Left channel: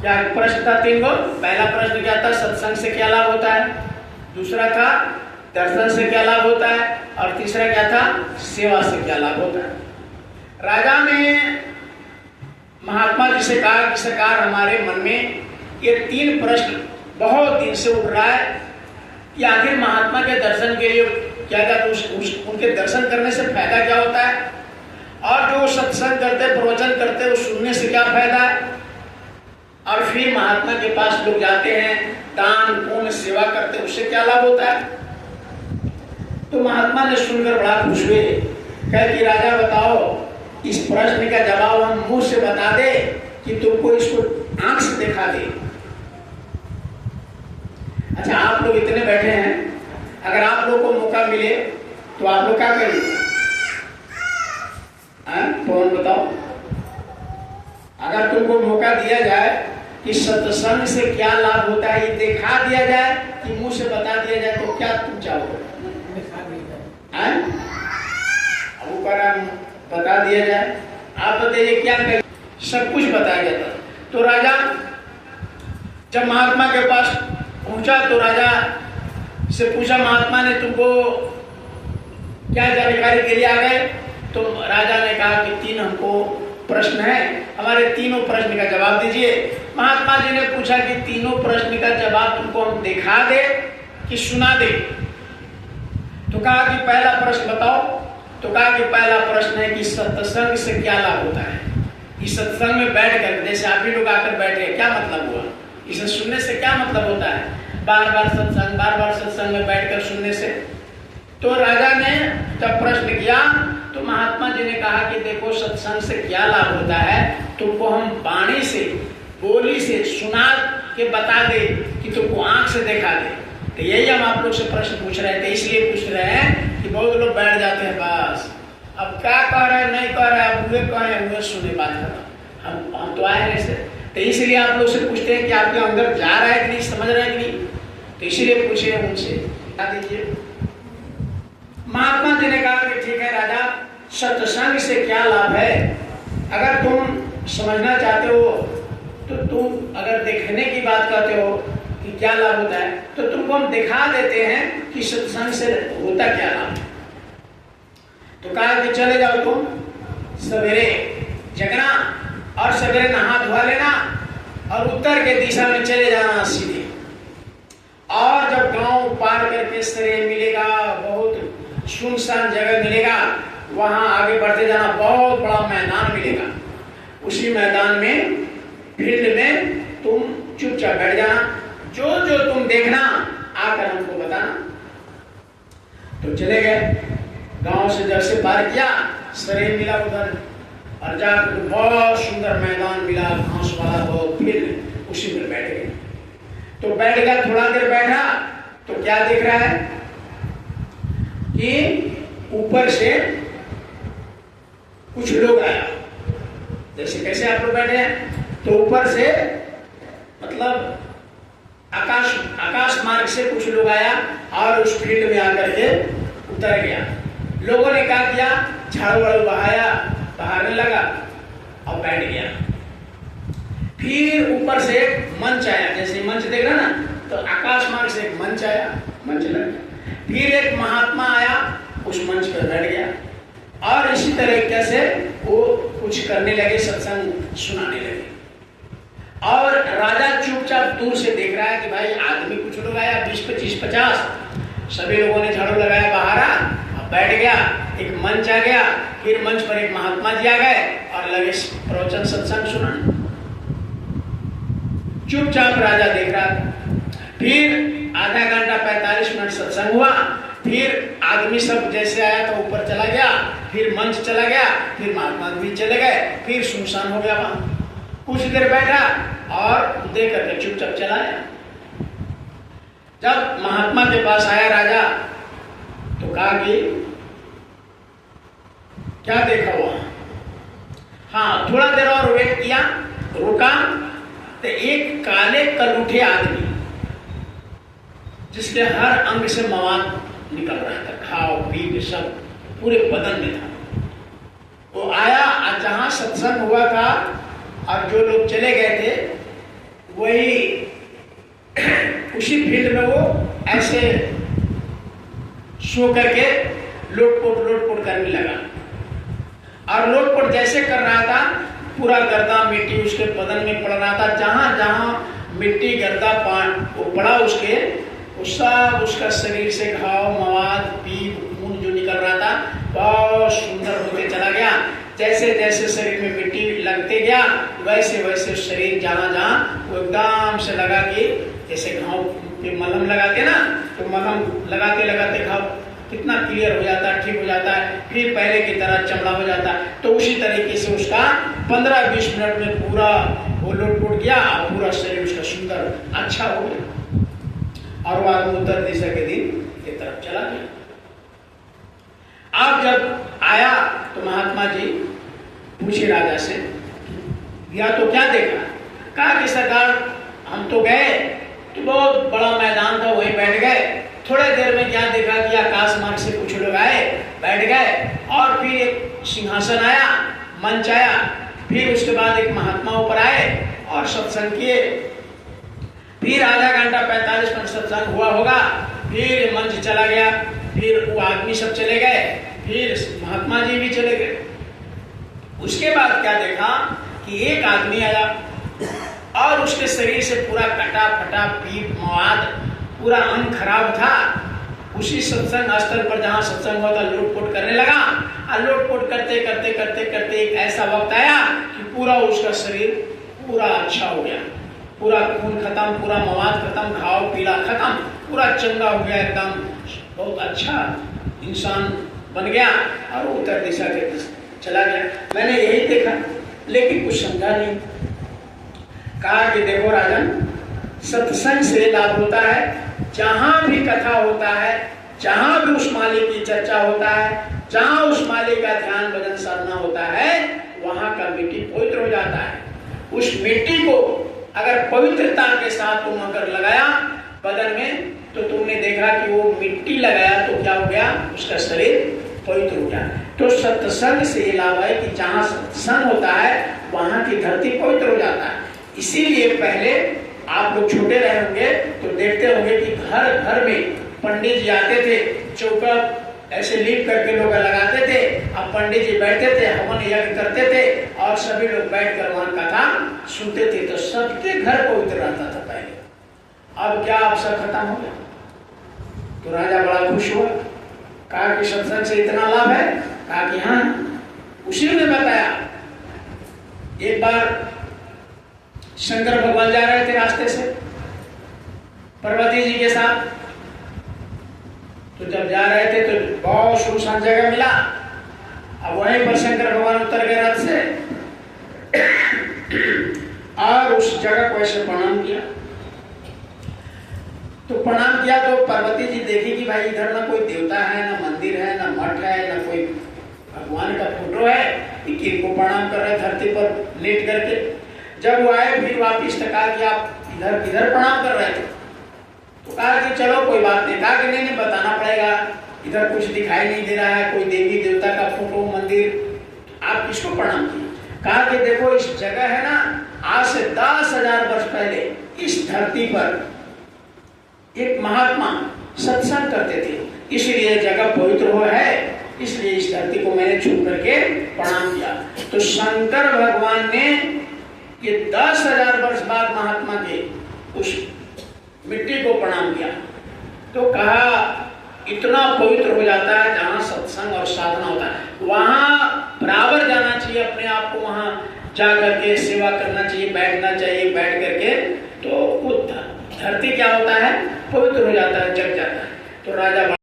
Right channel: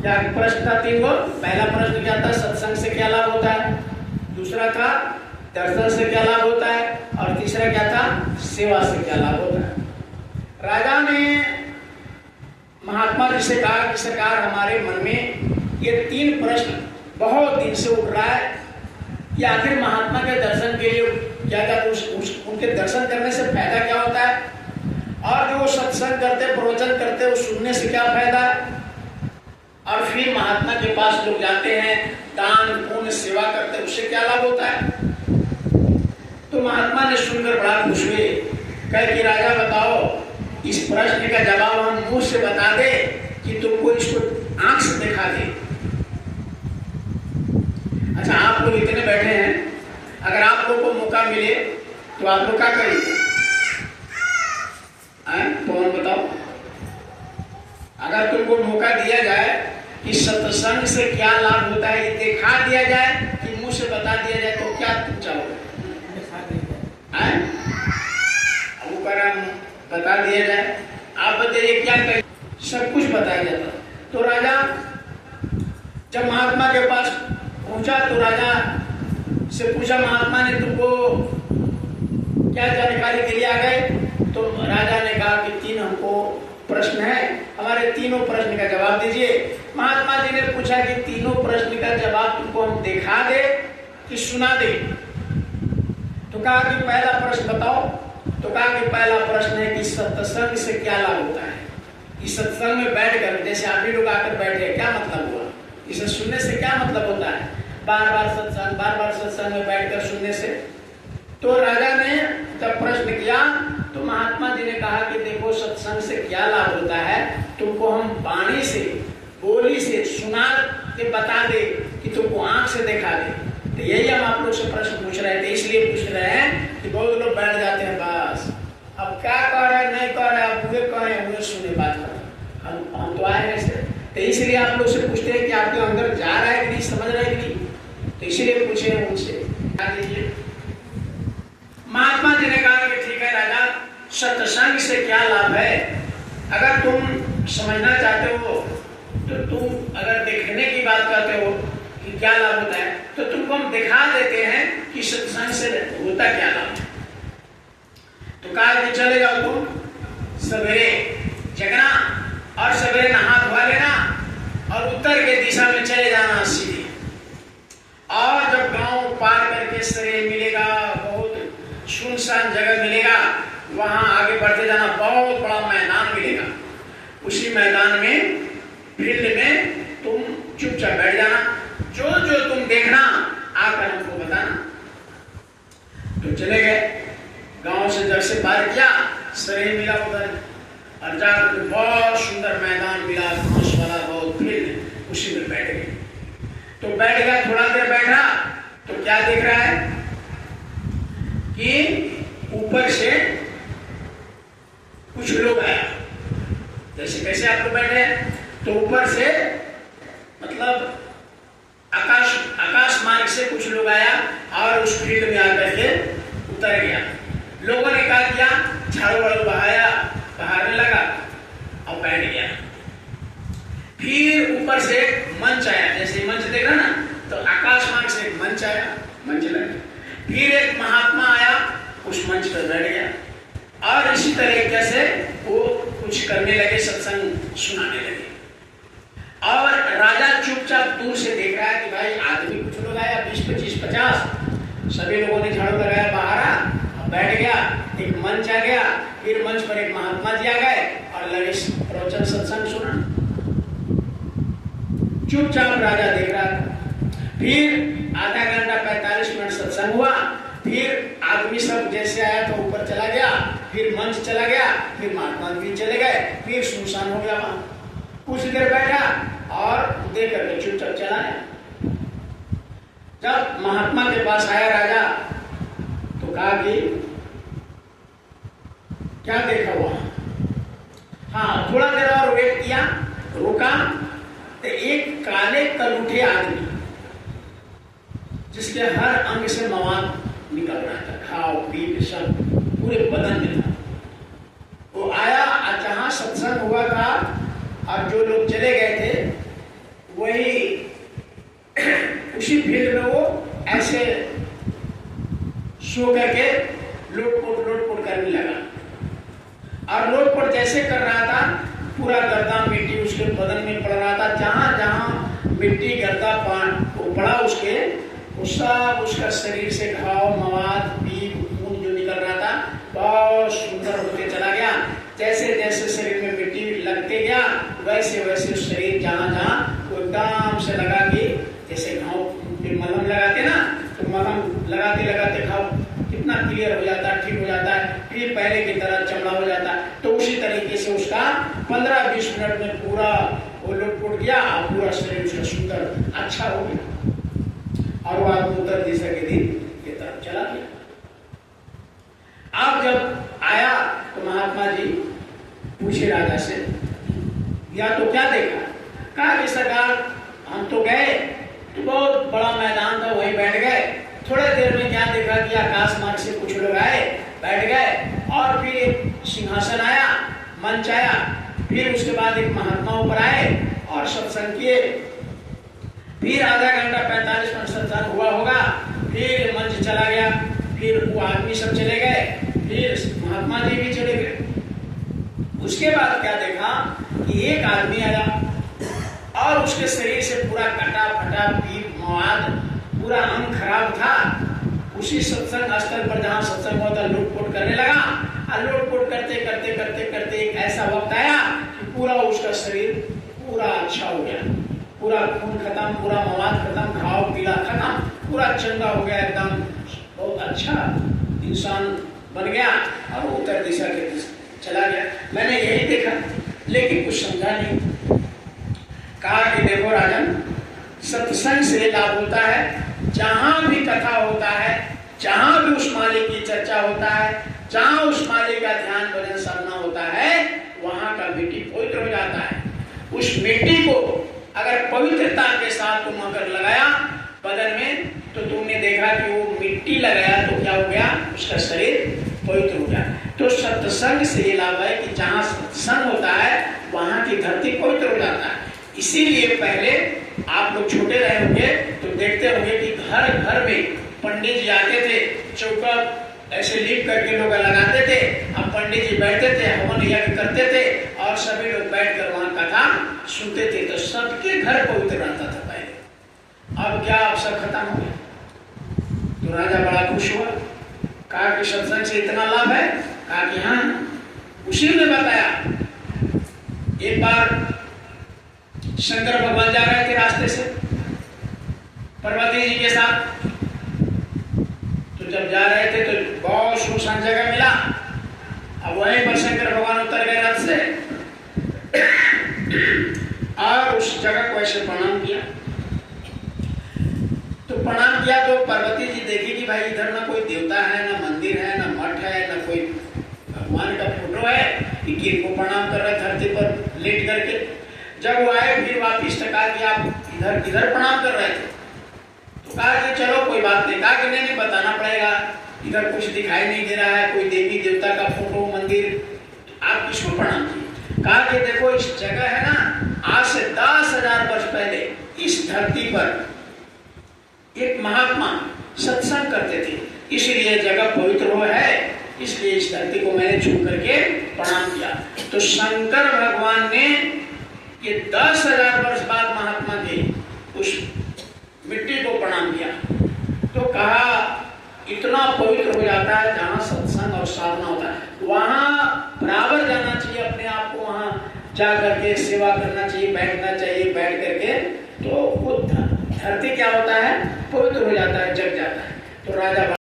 क्या प्रश्न था? 3 गो। पहला प्रश्न क्या था? सत्संग से क्या लाभ होता है। दूसरा था दर्शन से क्या लाभ होता है। और तीसरा क्या था? सेवा से क्या लाभ होता है। राजा ने महात्मा जी से कहा कि सरकार, हमारे मन में ये 3 प्रश्न बहुत दिन से उठ रहा है कि आखिर महात्मा के दर्शन के लिए क्या क्या, तो उनके दर्शन करने से फायदा क्या होता है, और जो सत्संग करते, प्रवचन करते, वो सुनने से क्या फायदा है, और फिर महात्मा के पास लोग जाते हैं, दान पुण्य सेवा करते, उससे क्या लाभ होता है। तो महात्मा ने सुनकर बड़ा खुश हुए। कहे कि राजा बताओ, इस प्रश्न का जवाब हम मुंह से बता दे कि तुमको इसको आंख से दिखा दे। अच्छा, आप लोग इतने बैठे हैं, अगर आप लोग को मौका मिले तो आप लोग क्या करेंगे? कौन बताओ? अगर तुमको मौका दिया जाए कि सत्संग से क्या लाभ होता है, ये दिखा दिया जाए कि मुंह से बता दिया जाए, तो क्या तुम चाहोगे? अब ऊपर बता दिया जाए, आप बताइए क्या करें? सब कुछ बताया जाता। तो राजा जब महात्मा के पास पहुंचा तो राजा से पूछा, महात्मा ने तुमको क्या जानकारी के लिए आ गए? तो राजा ने कहा कि 3 हमको प्रश्न है, हमारे तीनों प्रश्न का जवाब दीजिए। महात्मा जी ने पूछा कि तीनों प्रश्न का जवाब तुमको हम दिखा दे कि सुना दे? तो कहा कि पहला प्रश्न बताओ। तो कहा कि पहला प्रश्न है कि सत्संग से क्या लाभ होता है। इस सत्संग में बैठकर, जैसे आप भी लोग आकर बैठे, क्या मतलब हुआ? इसे सुनने से क्या मतलब होता है? बार बार सत्संग में बैठकर सुनने से। तो राजा ने जब प्रश्न किया तो महात्मा जी ने कहा कि देखो, सत्संग से क्या लाभ होता है, तुमको हम वाणी से, बोली से सुना के बता दे कि तुमको आंख से दिखा दे। तो यही हम आप लोग से प्रश्न पूछ रहे थे, इसलिए पूछ रहे हैं कि बहुत लोग बैठ जाते हैं, बस अब क्या कह रहे हैं, नहीं कह रहे हैं, मुझे कह रहे हैं, मुझे सुने बात करो, हम तो आए नहीं से। तो इसलिए आप लोग से पूछते हैं कि आपके अंदर जा रहा है कि नहीं, समझ रहे हैं कि नहीं, तो इसीलिए पूछे उनसे। बता दीजिए। महात्मा जी ने कहा कि ठीक है राजा, सत्संग से क्या लाभ है, अगर तुम समझना चाहते हो तो तुम अगर देखने की बात करते हो कि क्या लाभ होता है, तो तुमको हम दिखा देते हैं कि सत्संग से होता क्या लाभ। तो कहा कि चले जाओ, तुम सवेरे जगना और सवेरे नहा धोवा लेना और उत्तर के दिशा में चले जाना सीधे, और जब गांव पार करके शरीर मिलेगा, बहुत सुनसान जगह मिलेगा, वहां आगे बढ़ते जाना, बहुत बड़ा मैदान मिलेगा, उसी मैदान में फील्ड में तुम चुपचाप बैठ जाना, जो जो तुम देखना आकर हमको बताना। तो चले गए, गांव से जब से पार किया, शरीर मिला उधर, और जाकर बहुत सुंदर मैदान मिला, घास वाला बहुत फील्ड, उसी में बैठ गए। तो बैठ गया, थोड़ा देर बैठा तो क्या दिख रहा है कि ऊपर से कुछ लोग आया, जैसे कैसे आप लोग बैठे हैं, तो ऊपर से मतलब आकाश मार्ग से कुछ लोग आया और उस फील्ड में आकर के उतर गया। लोगों ने क्या किया, झाड़ू वाड़ू बहारने लगा और बैठ गया। फिर ऊपर से एक मंच आया, जैसे मंच देख रहा ना, तो आकाश मार्ग से एक मंच आया, मंच लगा। फिर एक महात्मा आया, उस मंच पर बैठ गया, और इसी तरीके से वो कुछ करने लगे, सत्संग सुनाने लगे। और राजा चुपचाप दूर से देख रहा है कि भाई आदमी कुछ लोग आया, 20, 25, 50, सभी लोगों ने झाड़ू लगाया, बाहर बैठ गया, एक मंच आ गया, फिर मंच पर एक महात्मा जी आ गए और लगे प्रवचन सत्संग सुनाने। चुपचाप राजा देख रहा था। फिर आधा घंटा 45 मिनट सत्संग हुआ, फिर आदमी सब जैसे आया तो ऊपर चला गया, फिर मंच चला गया, फिर महात्मा जी चले गए, फिर सुनसान हो गया। वहां कुछ देर बैठा और देख करके चुपचाप चला गया। जब महात्मा के पास आया राजा तो कहा कि क्या देखा हुआ? हाँ, थोड़ा देर और वेट किया, रुका, तो एक काले कलूठे आदमी जिसके हर अंग से मवाद निकल रहा था, खाओ पी सब पूरे बदन में था, वो आया। जहां सत्संग हुआ था और जो लोग चले गए थे वही उसी फील्ड में वो ऐसे सो करके लोटपोट करने लगा। और लोटपोट जैसे कर रहा था, पूरा गर्दा मिट्टी उसके बदन में पड़ रहा था। जहां जहां मिट्टी गर्दा वो पड़ा उसके, सब उसका शरीर से घाव, मवाद, पीप, खून जो निकल रहा था बहुत सुंदर होते चला गया। जैसे जैसे शरीर में मिट्टी लगते गया वैसे वैसे शरीर जहां जहां वो एकदम से लगा कि जैसे घाव पे मलहम लगाते ना, तो मलहम लगाते लगाते घाव कितना क्लियर हो जाता है, ठीक हो जाता है, फिर पहले की तरह चमड़ा हो जाता है। तो उसी तरीके से उसका 15-20 मिनट में पूरा वो लोटपोट गया और पूरा शरीर उसका सुंदर अच्छा हो गया। और वो आदमी उत्तर दिशा के दिन की तरफ चला गया। अब जब आया तो महात्मा जी पूछे राजा से, या तो क्या देखा? कहा कि सरकार हम तो गए तो बहुत बड़ा मैदान था, वहीं बैठ गए। थोड़े देर में क्या देखा कि आकाश मार्ग से कुछ लोग आए, बैठ गए, और फिर एक सिंहासन आया, मंच आया, फिर उसके बाद एक महात्मा ऊपर आए और सत्संग किए। फिर आधा घंटा 45 मिनट सत्संग हुआ होगा, फिर मंच चला गया, फिर वो आदमी सब चले गए, फिर महात्मा जी भी चले गए। उसके बाद क्या देखा कि एक आदमी आया और उसके शरीर से पूरा कटा फटा पीठ, मवाद, पूरा अंग खराब था। उसी सत्संग स्थल पर जहां सत्संग हुआ था लोटपोट करने लगा, और लोटपोट करते करते करते करते एक ऐसा वक्त आया कि पूरा उसका शरीर पूरा अच्छा हो गया, पूरा खून खत्म, पूरा मवाद खत्म, घाव पीला खत्म, पूरा चंगा हो गया, एकदम बहुत अच्छा इंसान बन गया और उत्तर दिशा के चला गया। मैंने यही देखा, लेकिन कुछ समझा नहीं। कहा कि देखो राजन, सत्संग से लाभ होता है, जहां भी कथा होता है, जहां भी उस मालिक की चर्चा होता है, जहां उस मालिक का ध्यान भजन साधना होता है, वहां का मिट्टी पवित्र हो जाता है। उस मिट्टी को अगर पवित्रता के साथ तुम अगर लगाया बदन में, तो तुमने देखा कि वो मिट्टी लगाया तो क्या हो गया, उसका शरीर पवित्र हो गया। तो सत्संग से ये लाभ है कि जहां सत्संग होता है वहां की धरती पवित्र हो जाता है। इसीलिए पहले आप लोग छोटे रहे होंगे तो देखते होंगे कि घर घर में पंडित जी आते थे, चौका ऐसे लीप करके लोग लगाते थे, अब पंडित जी बैठते थे, हवन यज्ञ करते थे और सभी लोग बैठकर वहां कथा सुनते थे। तो सबके घर पवित्र रहता था पहले। अब क्या, अब सब खत्म हो गया। तो राजा बड़ा खुश हुआ, कहा कि सत्संग से इतना लाभ है? कहा कि हाँ। उसी ने बताया, एक बार शंकर भगवान जा रहे थे रास्ते से पार्वती जी के साथ, तो जब जा रहे थे तो बहुत सुनसान जगह मिला। अब वहीं पर शंकर भगवान उतर गए रथ से और उस जगह को ऐसे प्रणाम किया। तो प्रणाम किया तो पार्वती जी देखी कि भाई इधर ना कोई देवता है, ना मंदिर है, ना मठ है, ना कोई भगवान का फोटो है, इनको प्रणाम कर रहे धरती पर लेट करके। जब वो आए फिर वापिस टका कि आप इधर किधर प्रणाम कर रहे थे? तो कहा कि चलो कोई बात नहीं। कहा कि नहीं बताना पड़ेगा, इधर कुछ दिखाई नहीं दे रहा है, कोई देवी देवता का फोटो, मंदिर, आप किसको प्रणाम किए? कहा कि देखो इस जगह है ना, आज से 10,000 वर्ष पहले इस धरती पर एक महात्मा सत्संग करते थे, इसलिए जगह पवित्र हो है, इसलिए इस धरती को मैंने छू करके प्रणाम किया। तो शंकर भगवान ने ये 10,000 वर्ष बाद महात्मा के उस मिट्टी को प्रणाम किया। तो कहा इतना पवित्र हो जाता है जहां सत्संग और साधना होता है, वहां बराबर जाना चाहिए, अपने आप को वहां जा करके सेवा करना चाहिए, बैठना चाहिए, बैठ